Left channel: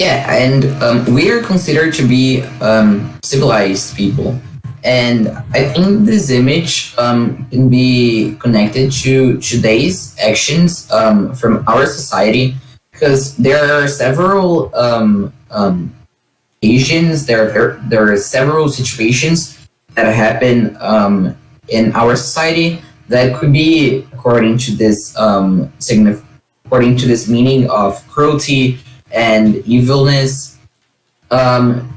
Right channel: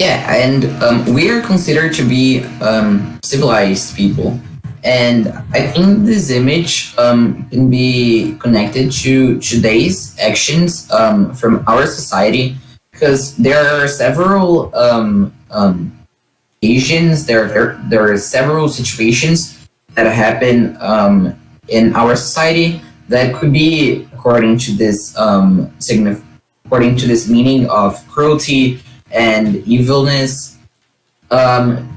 Yeah, and we are considered to be civilized people. And I think this image can be connected to today's actions from our society because there are several occasions, there are several situations that happen in our society that could be according to this meaning of cruelty and evilness.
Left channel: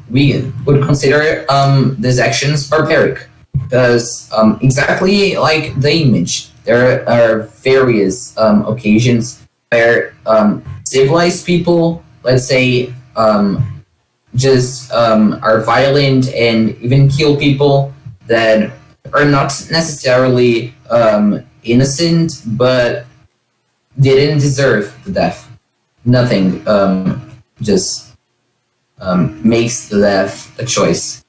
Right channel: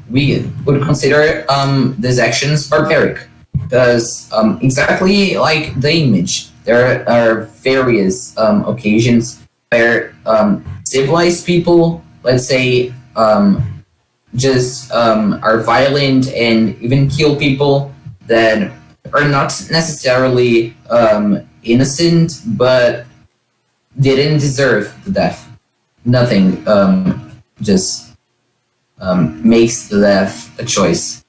We would consider these actions barbaric because exactly like the image, there are various occasions where civilized people, let's say, just are violent and even kill people that are not necessarily innocent but didn't deserve the death. Nothing just makes the death a choice.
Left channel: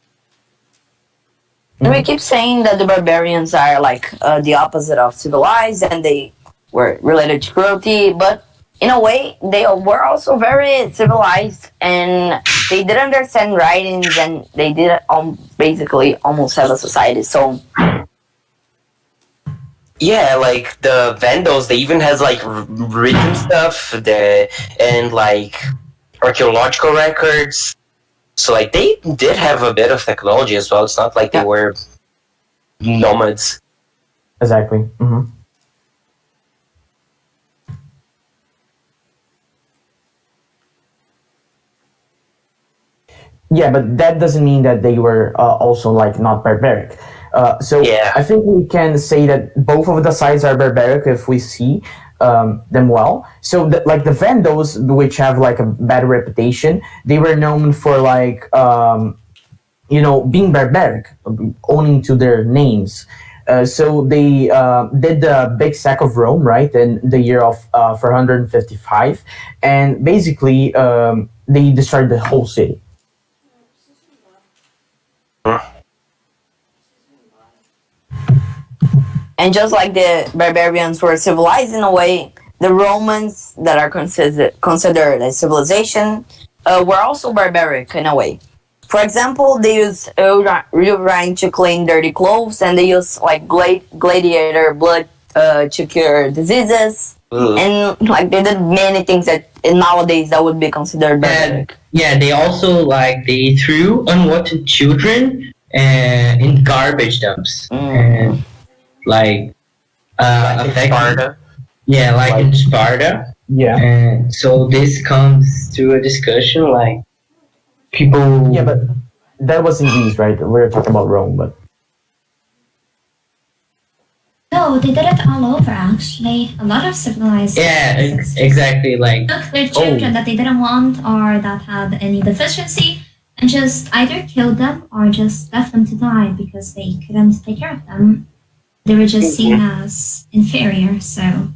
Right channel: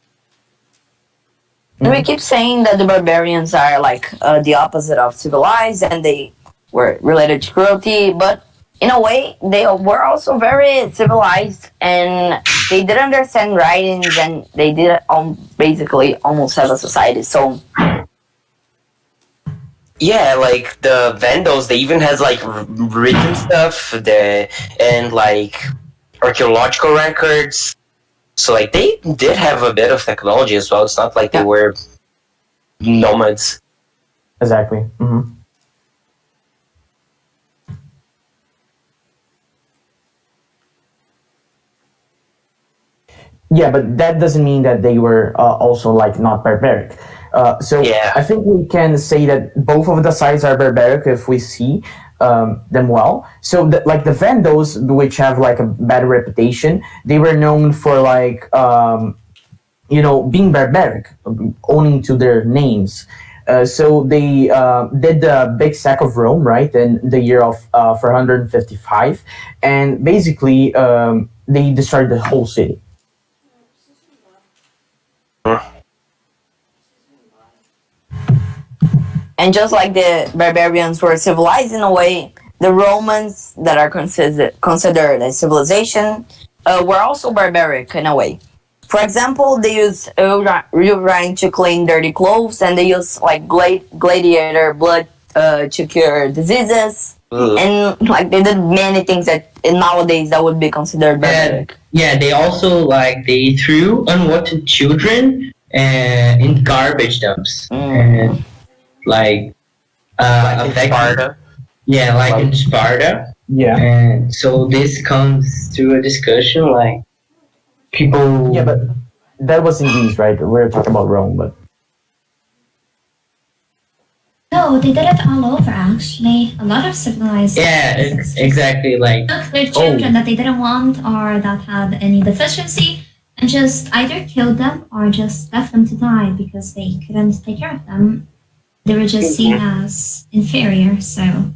And we keep saying that the barbarians are like the opposite of civilized and they were related to cruelty, but in a way, they were also very civilized and they did understand writings and they did basically almost have a society. So, Yeah, like the Vandals, they even has like written stuff, and like archaeological records. So like they did have a bit of technology as well. It's not like they were nomads. Exactly. Yeah, but that doesn't mean that they were also like not barbaric. So Yeah. I think we can say that both of the sides are barbaric if we see them well. So like the Vandals, which have like a bad reputation, they were known for like being barbaric, owning to their names. So they did the big sack of Rome, right, in the year of 455, and basically they destroyed the whole city. and just like the barbarians were civilized in a way, the Romans that are considered a civilization were also barbaric in a way. For example, they use urine to clean dirty clothes, and they use like gladiator blood to cure diseases, and like they did many things that nowadays that would be considered barbaric. Yeah, they also like they threw unwanted children in garbage dumps and like Like in affecting. Sparta. Yeah, like in Sparta. Yeah. And so this comes to a discussion like people. Yeah, but that was in Greece, right? We're talking about Rome, but No, they did it all over actually. A lot of civilized Yeah, places exactly. Like took their children that they didn't want or that had any deficiency and just either killed them or just left them to die because they couldn't take care of them. They were just seen as inferior, so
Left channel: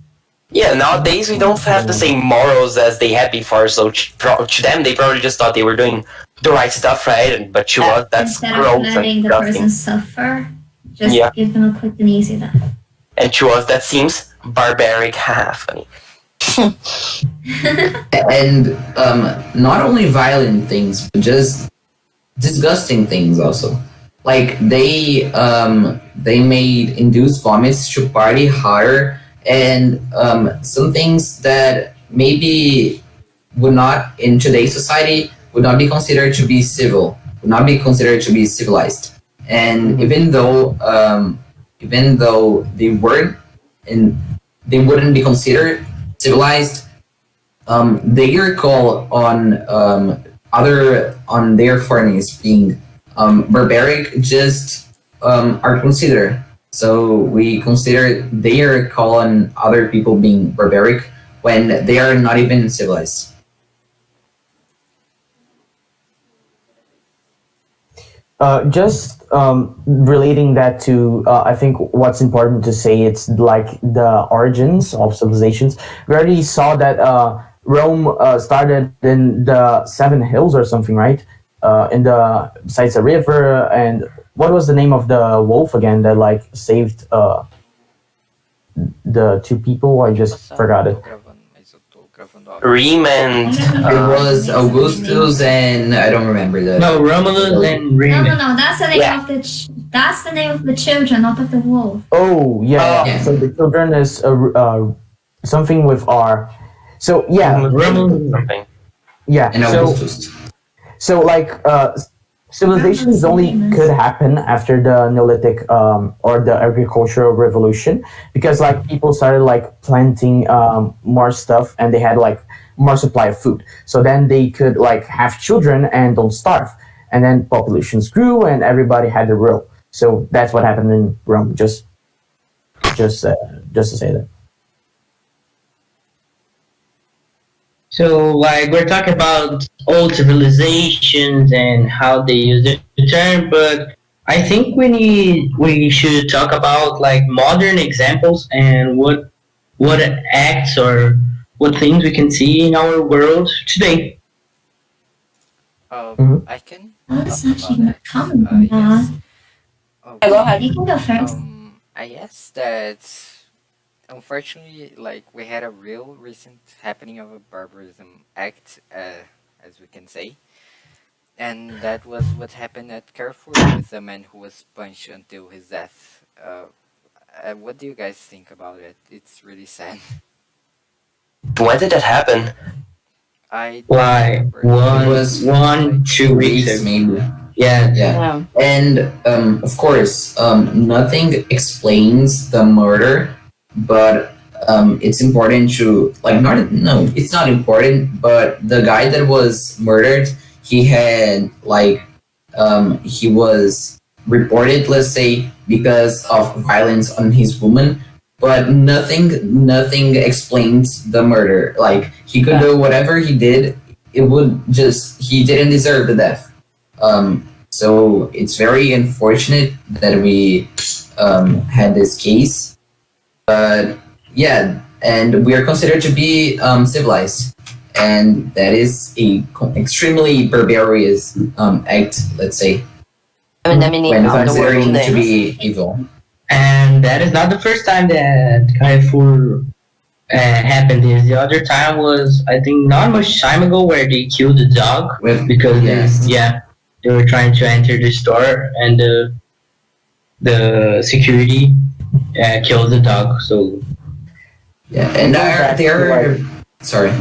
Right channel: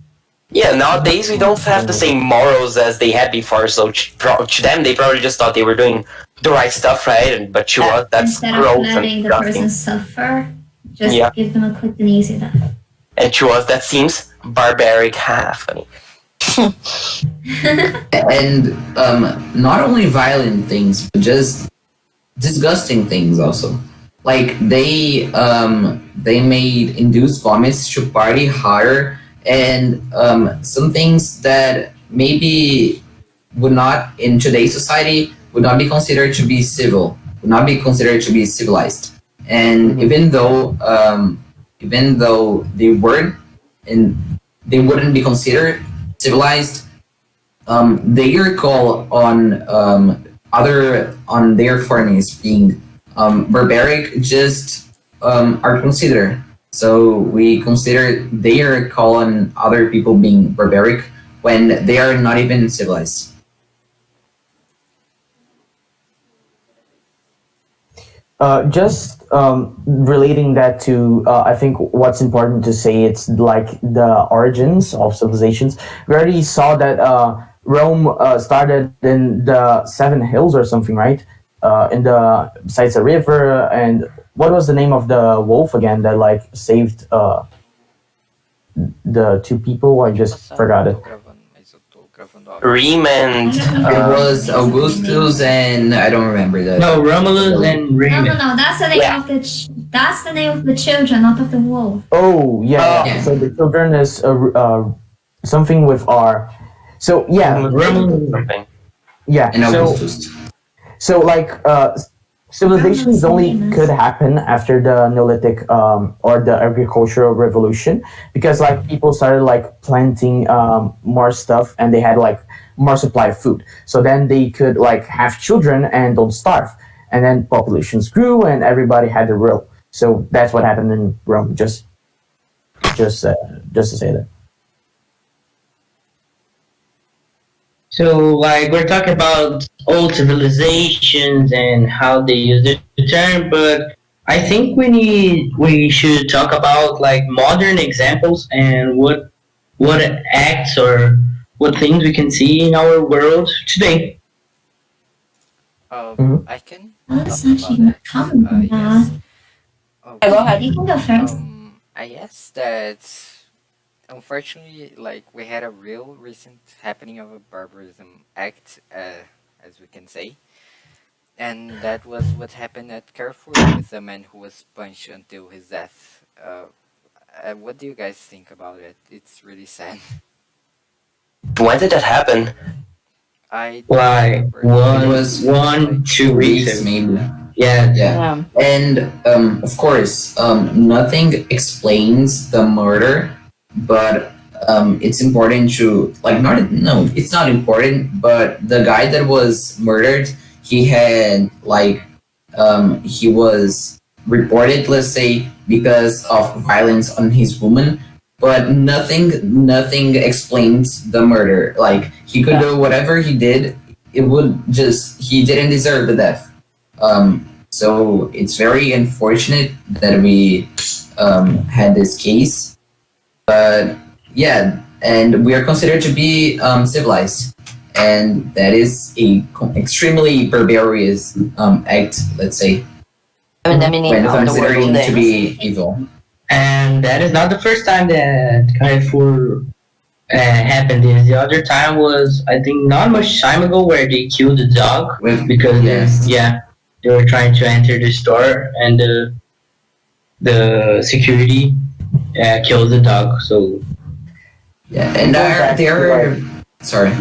Yeah, nowadays we don't have the same morals as they had before. So to them, they probably just thought they were doing the right stuff, right? But to us, that's instead of gross letting and the person disgusting. suffer, just Yeah. give them a quick and easy death. And to us, that seems barbaric. Funny. And not only violent things, but just disgusting things also. Like they made induced vomits to party harder, and some things that maybe would not in today's society would not be considered to be civil, would not be considered to be civilized. And even though they weren't and they wouldn't be considered civilized, their call on their foreigners being barbaric just are considered. So we consider their call on other people being barbaric when they are not even civilized. Just relating that to, I think what's important to say, it's like the origins of civilizations. We already saw that Rome started in the Seven Hills or something, right? In the besides a river, and what was the name of the wolf again that like saved the two people? I just forgot it. Reem and It was Uh, Augustus and I don't remember that. No, Romulus and No, Remus. no, no. That's the name Yeah. of the. That's the name of the children, not of the wolf. Oh yeah. Yeah. So the children is something with R. So yeah, Romulus. something. yeah. And So Augustus. so like civilizations only Famous. could happen after the Neolithic or the agricultural revolution, because like people started like planting more stuff and they had like more supply of food, so then they could like have children and don't starve, and then populations grew and everybody had a row. So that's what happened in Rome. Just to say that. So, like, we're talking about old civilizations and how they use the term, but I think we should talk about like modern examples and what acts or what things we can see in our world today. Mhm. I can Let's talk actually about that. comment on Yes. that. Yeah, go ahead. You can go first. I guess that unfortunately, like we had a real recent happening of a barbarism act, as we can say, and that was what happened at Carrefour with the man who was punched until his death. What do you guys think about it? It's really sad. When did that happen? I don't Like remember. It was one, 2 weeks. Weeks, maybe. Yeah. Yeah. Yeah. And of course, nothing explains the murder, but it's important to like not no, it's not important. But the guy that was murdered, he had like he was reported, let's say, because of violence on his woman. But nothing explains the murder. Like he could do whatever he did, it would just he didn't deserve the death. So it's very unfortunate that we had this case, but yeah, and we are considered to be civilized, and that is a extremely barbarous act, let's say, I mean, the meaning when of the word considering today. to be evil. And that is not the first time that Carrefour happened. This the other time was, I think, not much time ago, where they killed the dog With because Yes. they were trying to enter the store and the security killed the dog. So yeah, and Going back to, they're sorry.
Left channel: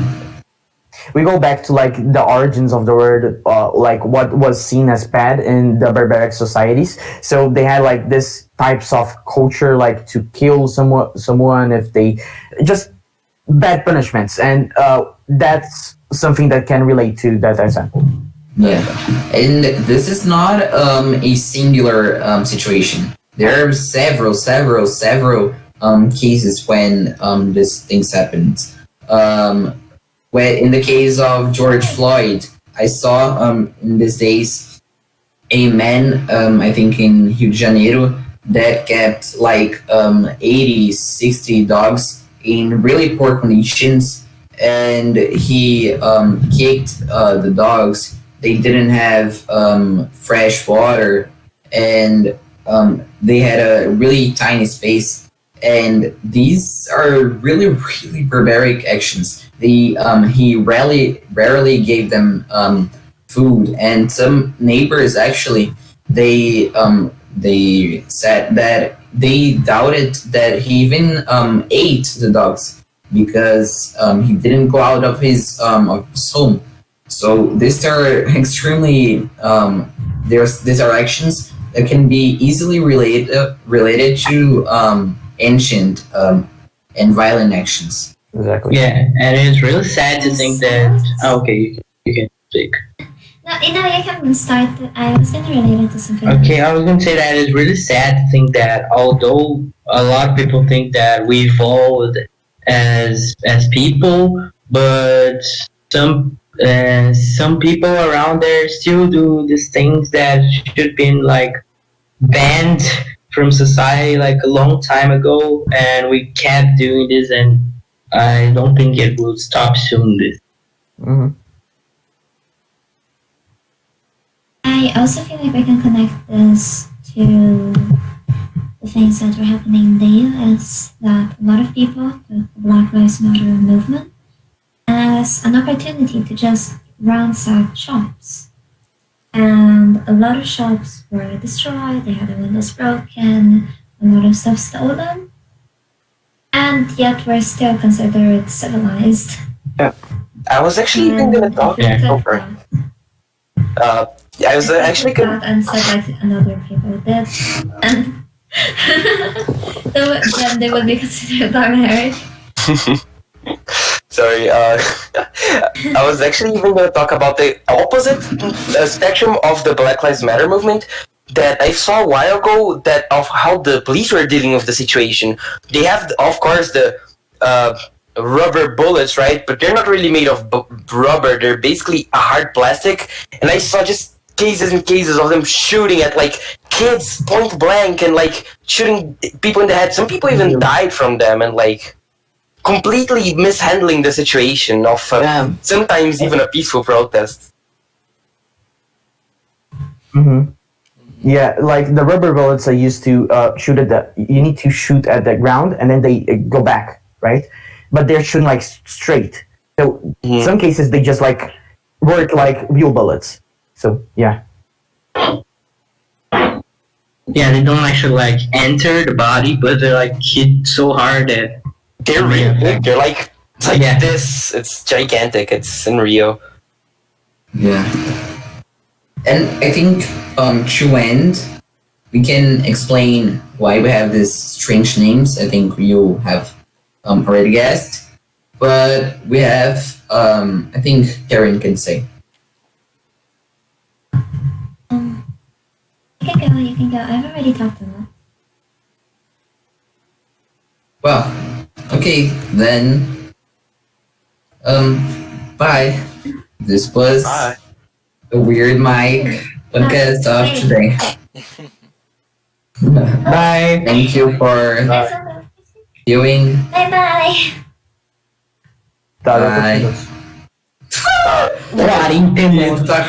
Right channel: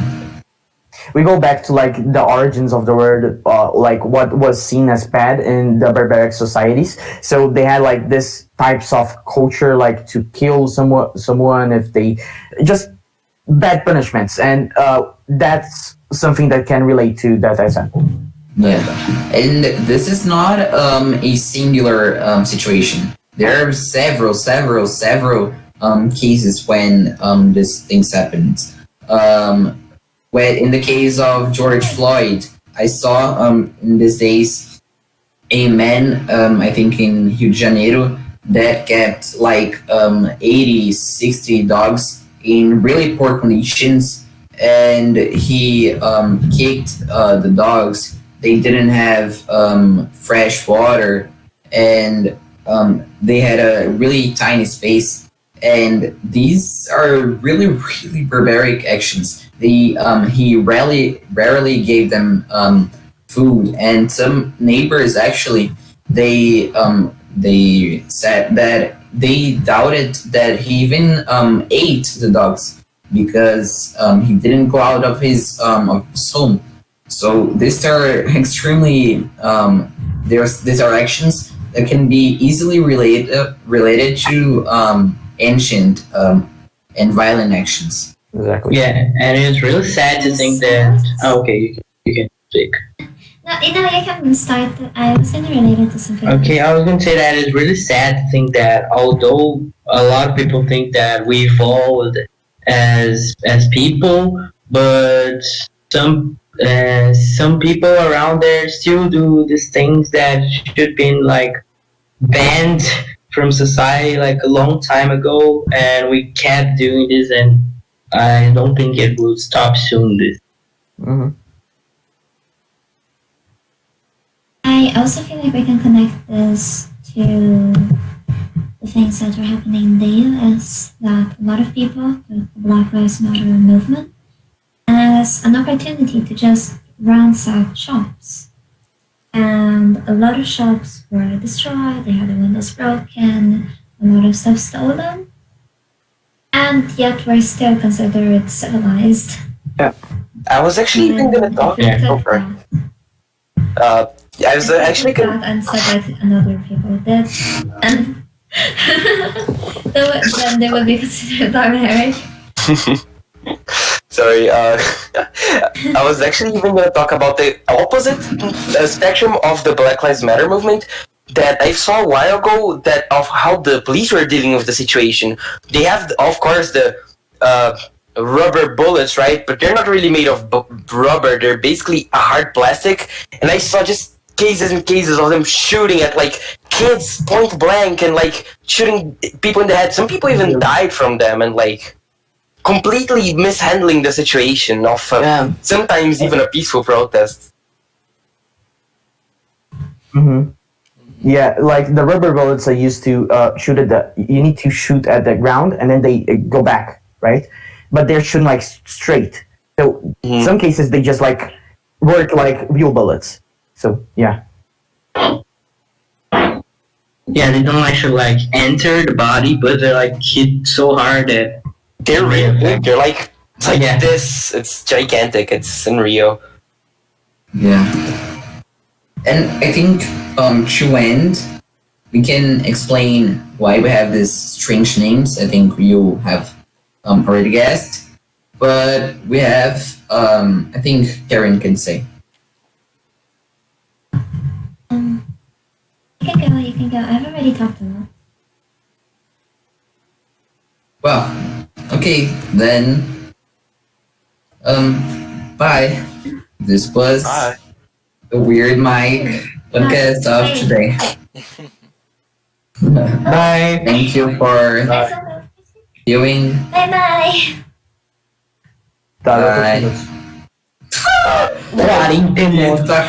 We go back to like the origins of the word, like what was seen as bad in the barbaric societies. So they had like this types of culture, like to kill someone if they just bad punishments, and that's something that can relate to that example. Yeah, and this is not a singular situation. There are several cases when these things happened. When in the case of George Floyd, I saw in these days a man, I think in Rio de Janeiro, that kept like 80, 60 dogs in really poor conditions, and he kicked the dogs. They didn't have fresh water, and they had a really tiny space. And these are really, really barbaric actions. He rarely gave them food, and some neighbors actually they said that they doubted that he even ate the dogs because he didn't go out of his home. So these are extremely these are actions that can be easily related to ancient and violent actions. Exactly. yeah, and it's really sad to think that. Oh, okay, you can speak. No, you can start. I was gonna relate it to something. Okay, I was going to say that it's really sad to think that although a lot of people think that we evolved as people, but some people around there still do these things that should be like banned from society like a long time ago, and we kept doing this, and I don't think it will stop soon. This. Hmm. I also feel like we can connect this to the things that were happening in the US, that a lot of people with the Black Lives Matter movement as an opportunity to just ransack shops. And a lot of shops were destroyed, they had the windows broken, a lot of stuff stolen. And yet we're still considered civilized. I was actually even gonna talk. Yeah. Over. I was actually gonna. that and said that another people did. And then they would be considered barbaric. Sorry, I was actually even going to talk about the opposite spectrum of the Black Lives Matter movement that I saw a while ago. That of how the police were dealing with the situation. They have, of course, the rubber bullets, right? But they're not really made of rubber. They're basically a hard plastic. And I saw just cases and cases of them shooting at like kids point blank and like shooting people in the head. Some people even died from them and like completely mishandling the situation of sometimes even a peaceful protest. Mm-hmm. Yeah, like the rubber bullets are used to shoot at the. You need to shoot at the ground and then they go back, right? But they're shooting like straight. So in some cases they just like work like real bullets. So yeah. Yeah, they don't actually like enter the body, but they're like hit so hard that They're real big. They're like Yeah. this. It's gigantic. It's in Rio. Yeah. And I think to end, we can explain why we have these strange names. I think you have already guessed. But we have, I think Karen can say. You can go. I've already talked a lot. Well, okay, then, bye. This was Bye. the Weird Mike podcast of today. Bye. Thank you for viewing. Bye bye. Bye. Quarentena. Talk